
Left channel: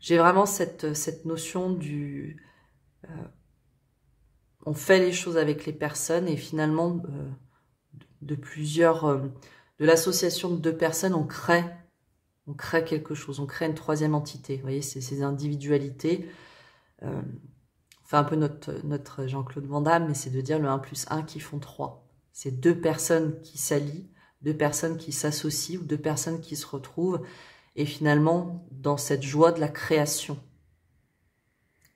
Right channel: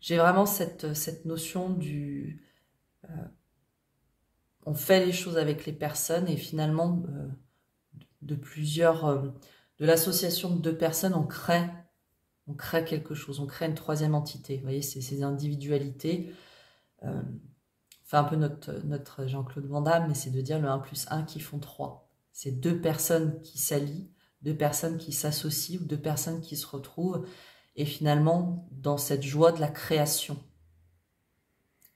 J'ai vraiment cette notion du... on fait les choses avec les personnes et finalement, de l'association de deux personnes, on crée quelque chose, on crée une troisième entité. Vous voyez, c'est ces individualités. Fait un peu notre Jean-Claude Van Damme, mais c'est de dire le 1 plus 1 qui font 3. C'est deux personnes qui s'allient, deux personnes qui s'associent ou deux personnes qui se retrouvent et finalement dans cette joie de la création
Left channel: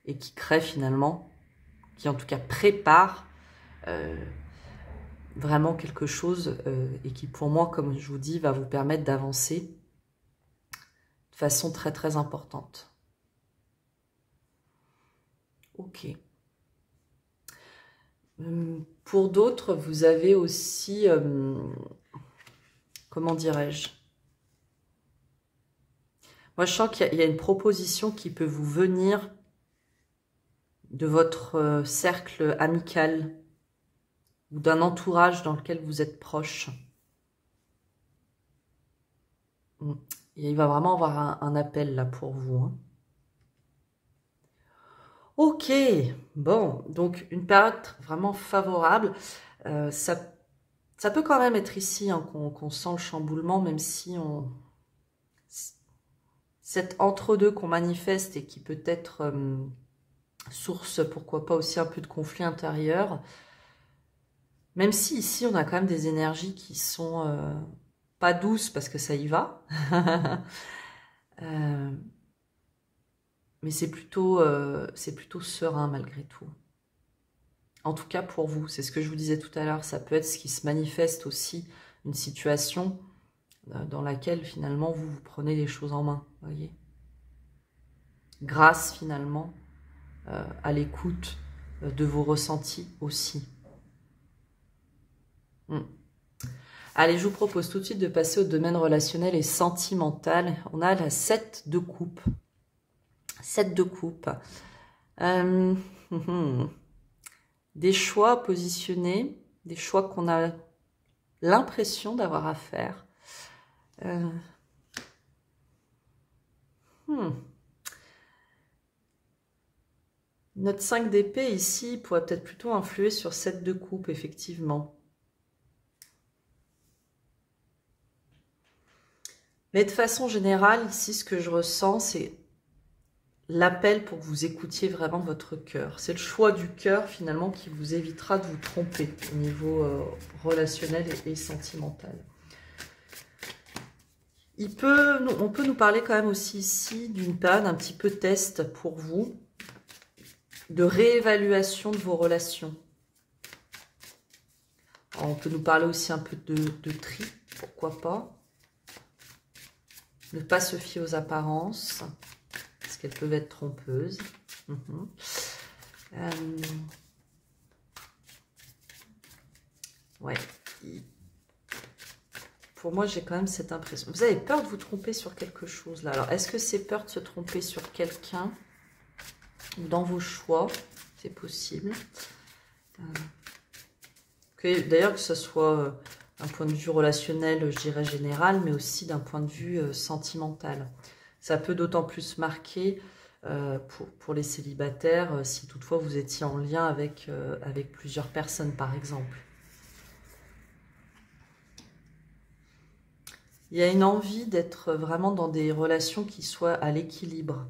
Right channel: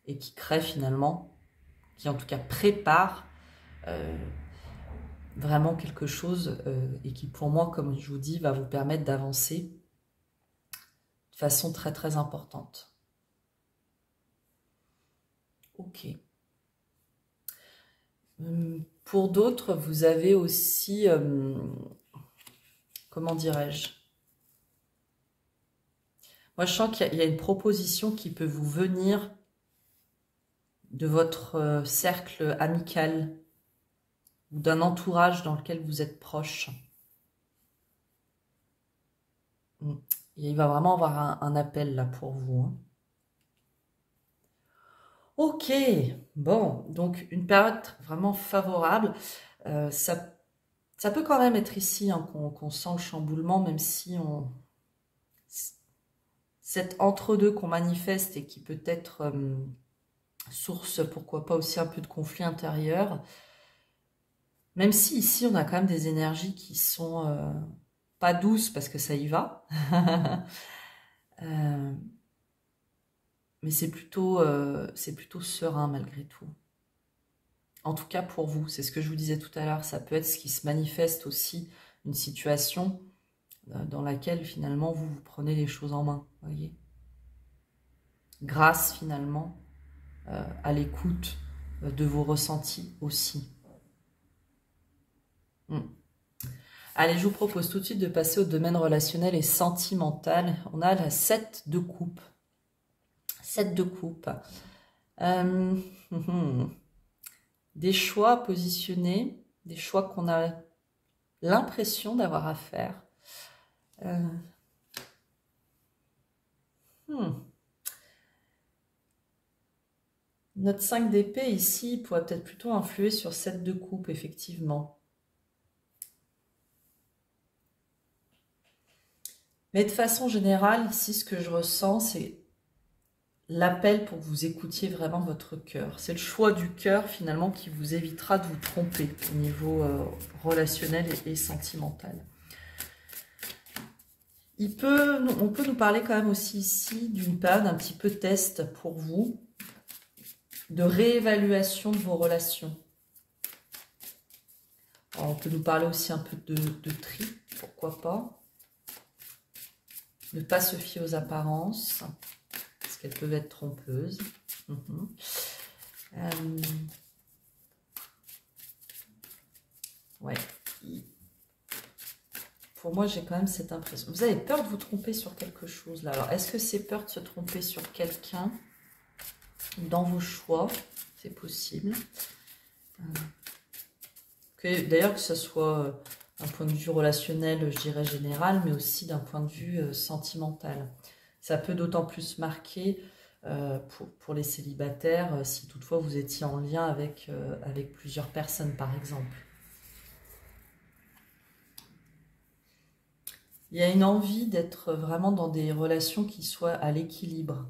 et qui crée finalement, qui en tout cas prépare vraiment quelque chose et qui pour moi, comme je vous dis, va vous permettre d'avancer de façon très très importante. Ok. Pour d'autres, vous avez aussi, comment dirais-je? Moi, je sens qu'il y a une proposition qui peut vous venir de votre cercle amical ou d'un entourage dans lequel vous êtes proche. Et il va vraiment avoir un appel là pour vous. Hein. Ok, bon, donc une période vraiment favorable. Ça peut quand même être ici hein, qu'on sent le chamboulement, même si cet entre-deux qu'on manifeste et qui peut être source, pourquoi pas aussi un peu de conflit intérieur. Même si ici, on a quand même des énergies qui sont pas douces parce que ça y va. Mais c'est plutôt serein malgré tout. En tout cas pour vous, c'est ce que je vous disais tout à l'heure, ça peut être ce qui se manifeste aussi, une situation dans laquelle finalement vous prenez les choses en main, voyez. Grâce finalement à l'écoute de vos ressentis aussi. Allez, je vous propose tout de suite de passer au domaine relationnel et sentimental. On a la 7 de coupe. 7 de coupe. Des choix positionnés, des choix qu'on a l'impression d'avoir à faire. Notre 5 d'épée ici pourrait peut-être plutôt influer sur 7 de coupe, effectivement. Mais de façon générale, ici, ce que je ressens, c'est l'appel pour que vous écoutiez vraiment votre cœur. C'est le choix du cœur, finalement, qui vous évitera de vous tromper au niveau relationnel et sentimental. On peut nous parler quand même aussi ici d'une période un petit peu test pour vous, de réévaluation de vos relations. Alors, on peut nous parler aussi un peu de tri, pourquoi pas. Ne pas se fier aux apparences. Parce qu'elles peuvent être trompeuses. Ouais. Pour moi, j'ai quand même cette impression. Vous avez peur de vous tromper sur quelque chose, là. Alors, est-ce que c'est peur de se tromper sur quelqu'un dans vos choix? C'est possible. D'ailleurs, que ce soit d'un point de vue relationnel, je dirais général, mais aussi d'un point de vue sentimental. Ça peut d'autant plus marquer pour les célibataires, si toutefois vous étiez en lien avec plusieurs personnes, par exemple. Il y a une envie d'être vraiment dans des relations qui soient à l'équilibre.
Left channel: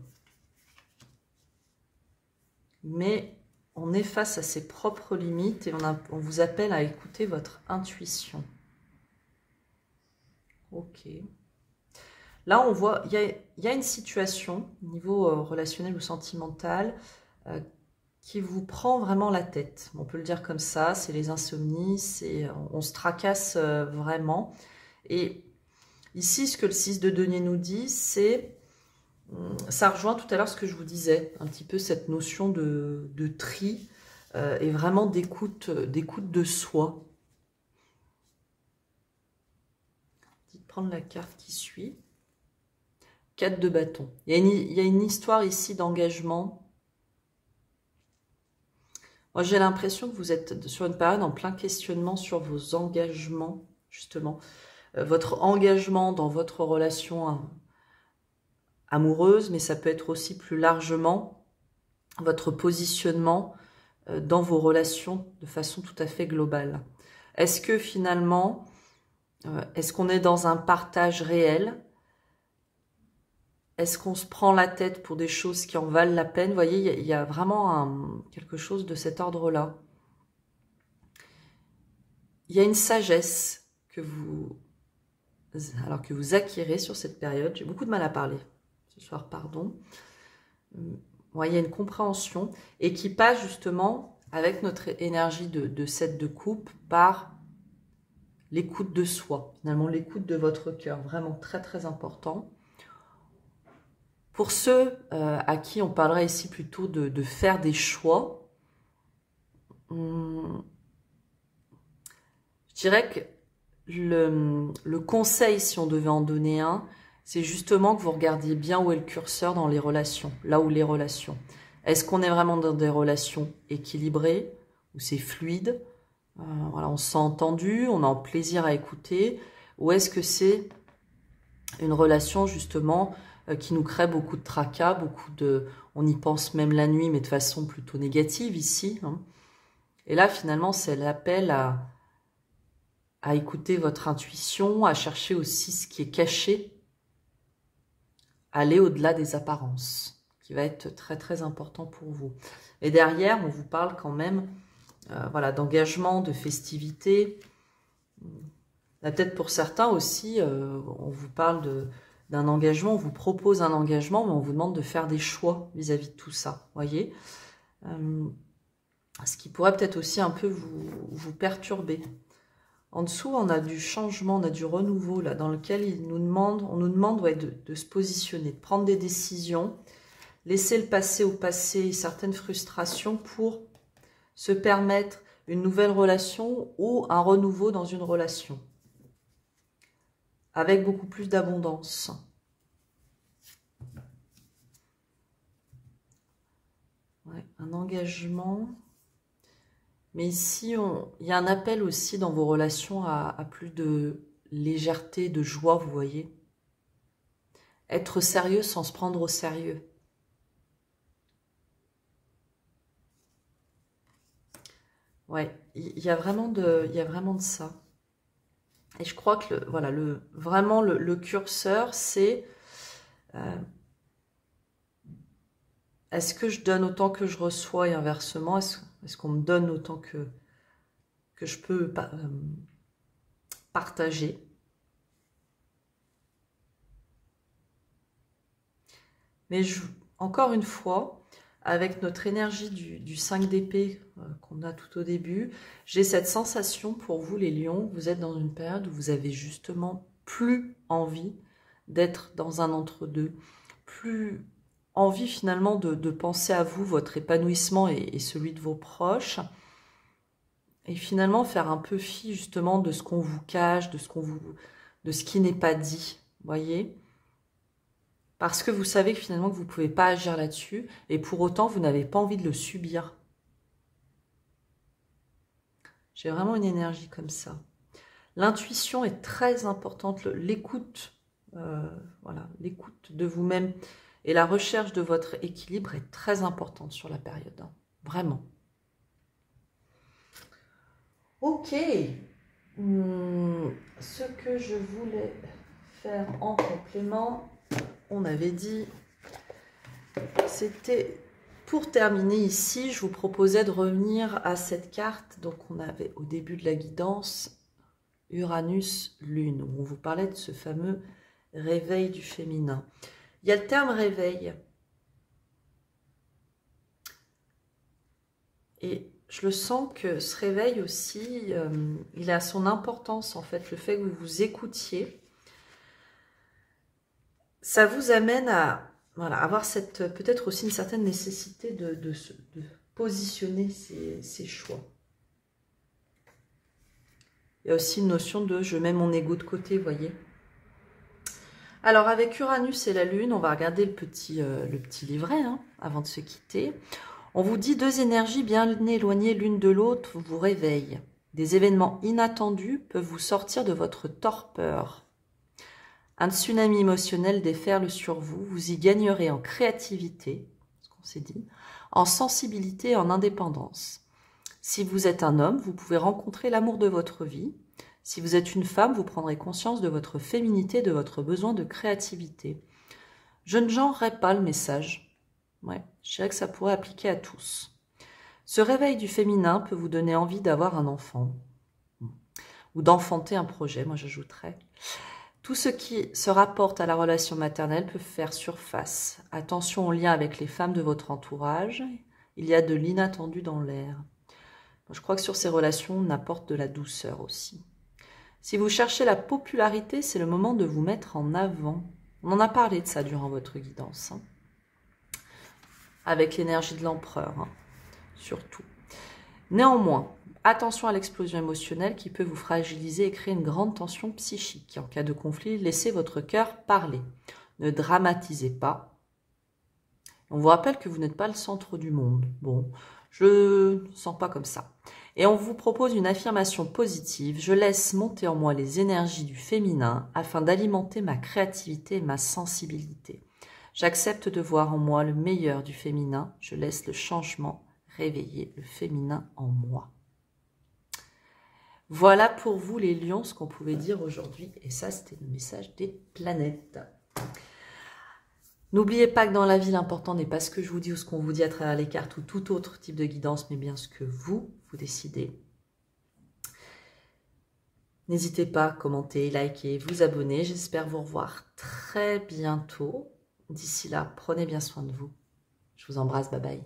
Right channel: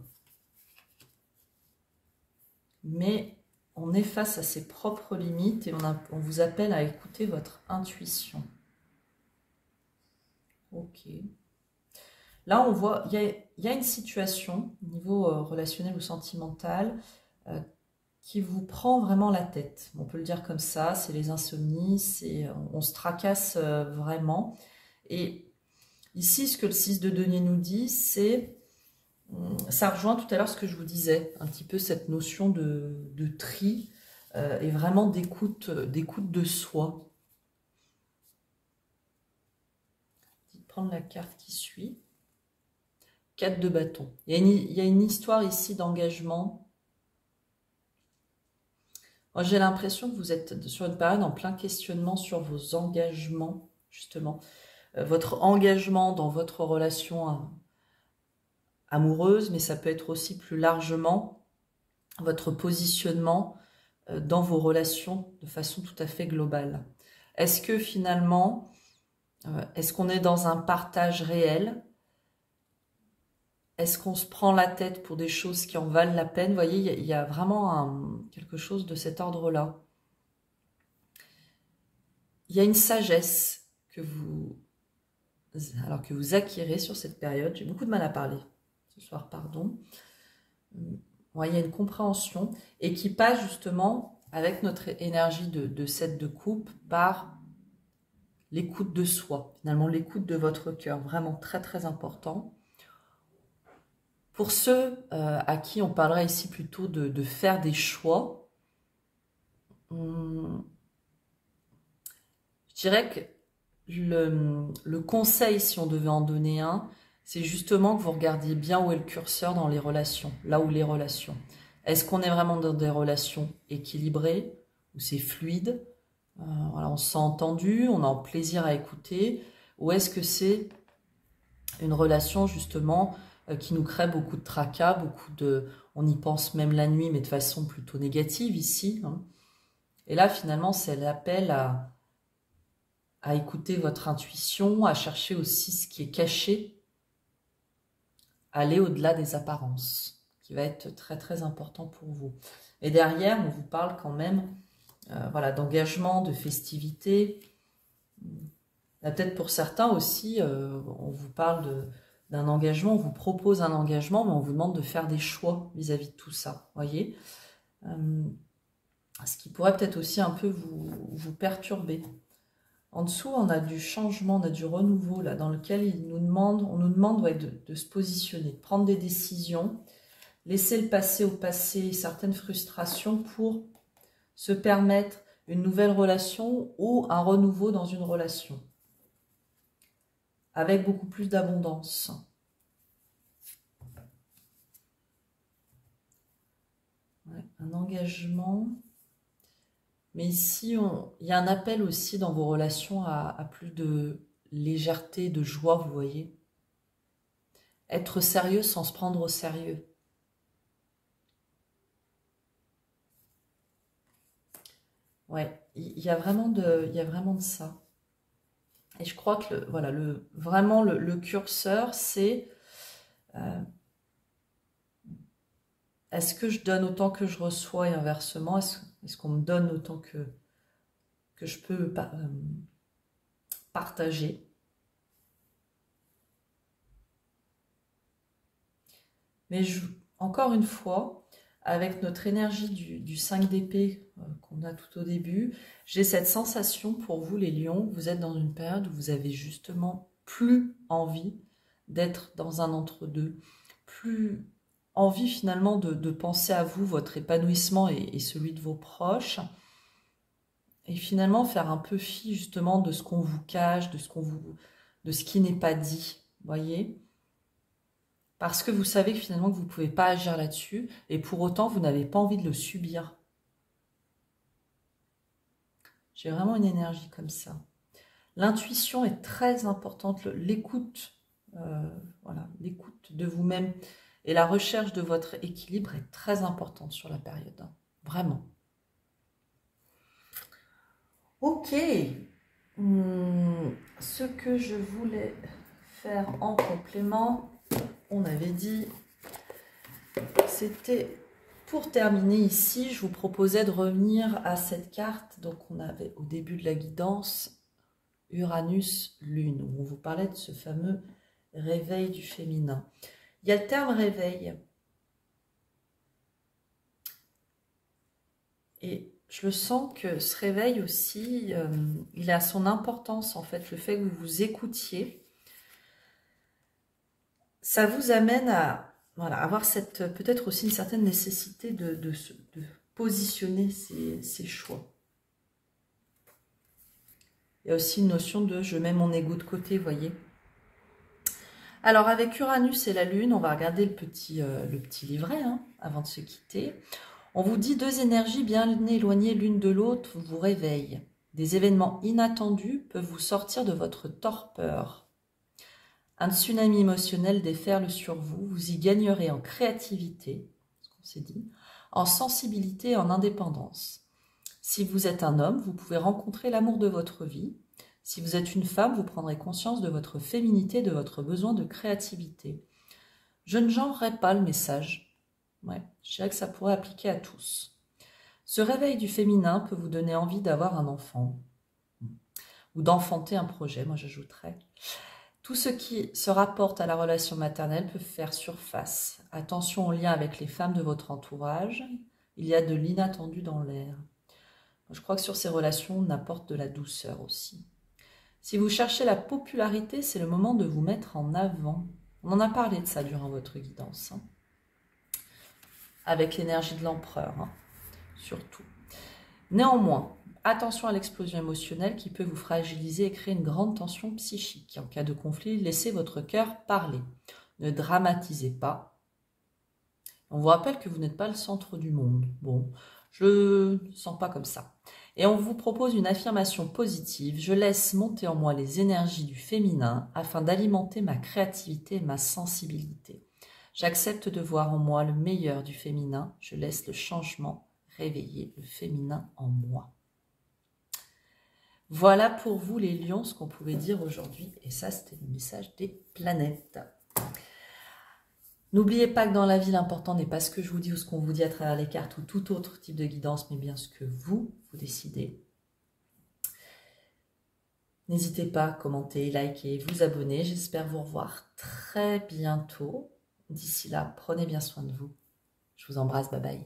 Mais on est face à ses propres limites et on vous appelle à écouter votre intuition. Ok. Là, on voit, il y a une situation, au niveau relationnel ou sentimental, qui vous prend vraiment la tête. On peut le dire comme ça, c'est les insomnies, on se tracasse vraiment. Et ici, ce que le 6 de denier nous dit, c'est, ça rejoint tout à l'heure ce que je vous disais, un petit peu cette notion de tri et vraiment d'écoute de soi. Prendre la carte qui suit. 4 de bâton. Il y a une histoire ici d'engagement. Moi, j'ai l'impression que vous êtes sur une période en plein questionnement sur vos engagements, justement. Votre engagement dans votre relation amoureuse, mais ça peut être aussi plus largement votre positionnement dans vos relations de façon tout à fait globale. Est-ce que finalement, est-ce qu'on est dans un partage réel? Est-ce qu'on se prend la tête pour des choses qui en valent la peine? Vous voyez, il y a vraiment quelque chose de cet ordre-là. Il y a une sagesse que vous acquérez sur cette période. J'ai beaucoup de mal à parler ce soir, pardon. Ouais, il y a une compréhension et qui passe justement avec notre énergie de 7 de coupe par l'écoute de soi. Finalement, l'écoute de votre cœur. Vraiment très, très important. Pour ceux à qui on parlerait ici plutôt de faire des choix, je dirais que le conseil, si on devait en donner un, c'est justement que vous regardiez bien où est le curseur dans les relations, là où les relations. Est-ce qu'on est vraiment dans des relations équilibrées, où c'est fluide, voilà, on se sent entendu, on a un plaisir à écouter, ou est-ce que c'est une relation justement qui nous crée beaucoup de tracas, on y pense même la nuit, mais de façon plutôt négative ici. Hein. Et là, finalement, c'est l'appel à écouter votre intuition, à chercher aussi ce qui est caché, aller au-delà des apparences, qui va être très, très important pour vous. Et derrière, on vous parle quand même voilà, d'engagement, de festivité. Peut-être pour certains aussi, on vous parle d'un engagement, on vous propose un engagement, mais on vous demande de faire des choix vis-à-vis de tout ça, voyez. Ce qui pourrait peut-être aussi un peu vous perturber. En dessous, on a du changement, on a du renouveau, là, dans lequel on nous demande ouais, de se positionner, de prendre des décisions, laisser le passé au passé, certaines frustrations pour se permettre une nouvelle relation ou un renouveau dans une relation. Avec beaucoup plus d'abondance. Ouais, un engagement. Mais ici, il y a un appel aussi dans vos relations à plus de légèreté, de joie, vous voyez. Être sérieux sans se prendre au sérieux. Ouais, il y a vraiment de ça. Et je crois que voilà, vraiment le curseur, c'est est-ce que je donne autant que je reçois et inversement, est-ce qu'on me donne autant que je peux partager. Mais encore une fois, avec notre énergie du 5 d'épée qu'on a tout au début, j'ai cette sensation pour vous les lions, vous êtes dans une période où vous avez justement plus envie d'être dans un entre-deux, plus envie finalement de penser à vous, votre épanouissement et celui de vos proches. Et finalement faire un peu fi justement de ce qu'on vous cache, de ce qui n'est pas dit, voyez? Parce que vous savez que finalement que vous ne pouvez pas agir là-dessus et pour autant vous n'avez pas envie de le subir. J'ai vraiment une énergie comme ça. L'intuition est très importante, l'écoute, voilà, l'écoute de vous-même et la recherche de votre équilibre est très importante sur la période, hein, vraiment. Ok, ce que je voulais faire en complément, on avait dit, c'était pour terminer ici, je vous proposais de revenir à cette carte. Donc on avait au début de la guidance Uranus, Lune, où on vous parlait de ce fameux réveil du féminin. Il y a le terme réveil. Et je le sens que ce réveil aussi, il a son importance en fait, le fait que vous vous écoutiez. Ça vous amène à voilà, avoir peut-être aussi une certaine nécessité de positionner ses choix. Il y a aussi une notion de je mets mon ego de côté, vous voyez. Alors avec Uranus et la Lune, on va regarder le petit livret hein, avant de se quitter. On vous dit deux énergies bien éloignées l'une de l'autre vous réveillent. Des événements inattendus peuvent vous sortir de votre torpeur. Un tsunami émotionnel déferle sur vous. Vous y gagnerez en créativité, ce qu'on s'est dit, en sensibilité et en indépendance. Si vous êtes un homme, vous pouvez rencontrer l'amour de votre vie. Si vous êtes une femme, vous prendrez conscience de votre féminité, de votre besoin de créativité. Je ne genrerai pas le message. Ouais, je dirais que ça pourrait appliquer à tous. Ce réveil du féminin peut vous donner envie d'avoir un enfant ou d'enfanter un projet, moi j'ajouterais. Tout ce qui se rapporte à la relation maternelle peut faire surface. Attention au lien avec les femmes de votre entourage. Il y a de l'inattendu dans l'air. Je crois que sur ces relations, on apporte de la douceur aussi. Si vous cherchez la popularité, c'est le moment de vous mettre en avant. On en a parlé de ça durant votre guidance. Hein. Avec l'énergie de l'empereur, hein, surtout. Néanmoins, attention à l'explosion émotionnelle qui peut vous fragiliser et créer une grande tension psychique. En cas de conflit, laissez votre cœur parler. Ne dramatisez pas. On vous rappelle que vous n'êtes pas le centre du monde. Bon, je ne sens pas comme ça. Et on vous propose une affirmation positive. Je laisse monter en moi les énergies du féminin afin d'alimenter ma créativité et ma sensibilité. J'accepte de voir en moi le meilleur du féminin. Je laisse le changement réveiller le féminin en moi. Voilà pour vous les lions ce qu'on pouvait dire aujourd'hui. Et ça, c'était le message des planètes. N'oubliez pas que dans la vie, l'important n'est pas ce que je vous dis ou ce qu'on vous dit à travers les cartes ou tout autre type de guidance, mais bien ce que vous décidez. N'hésitez pas à commenter, liker, vous abonner. J'espère vous revoir très bientôt. D'ici là, prenez bien soin de vous. Je vous embrasse, bye bye.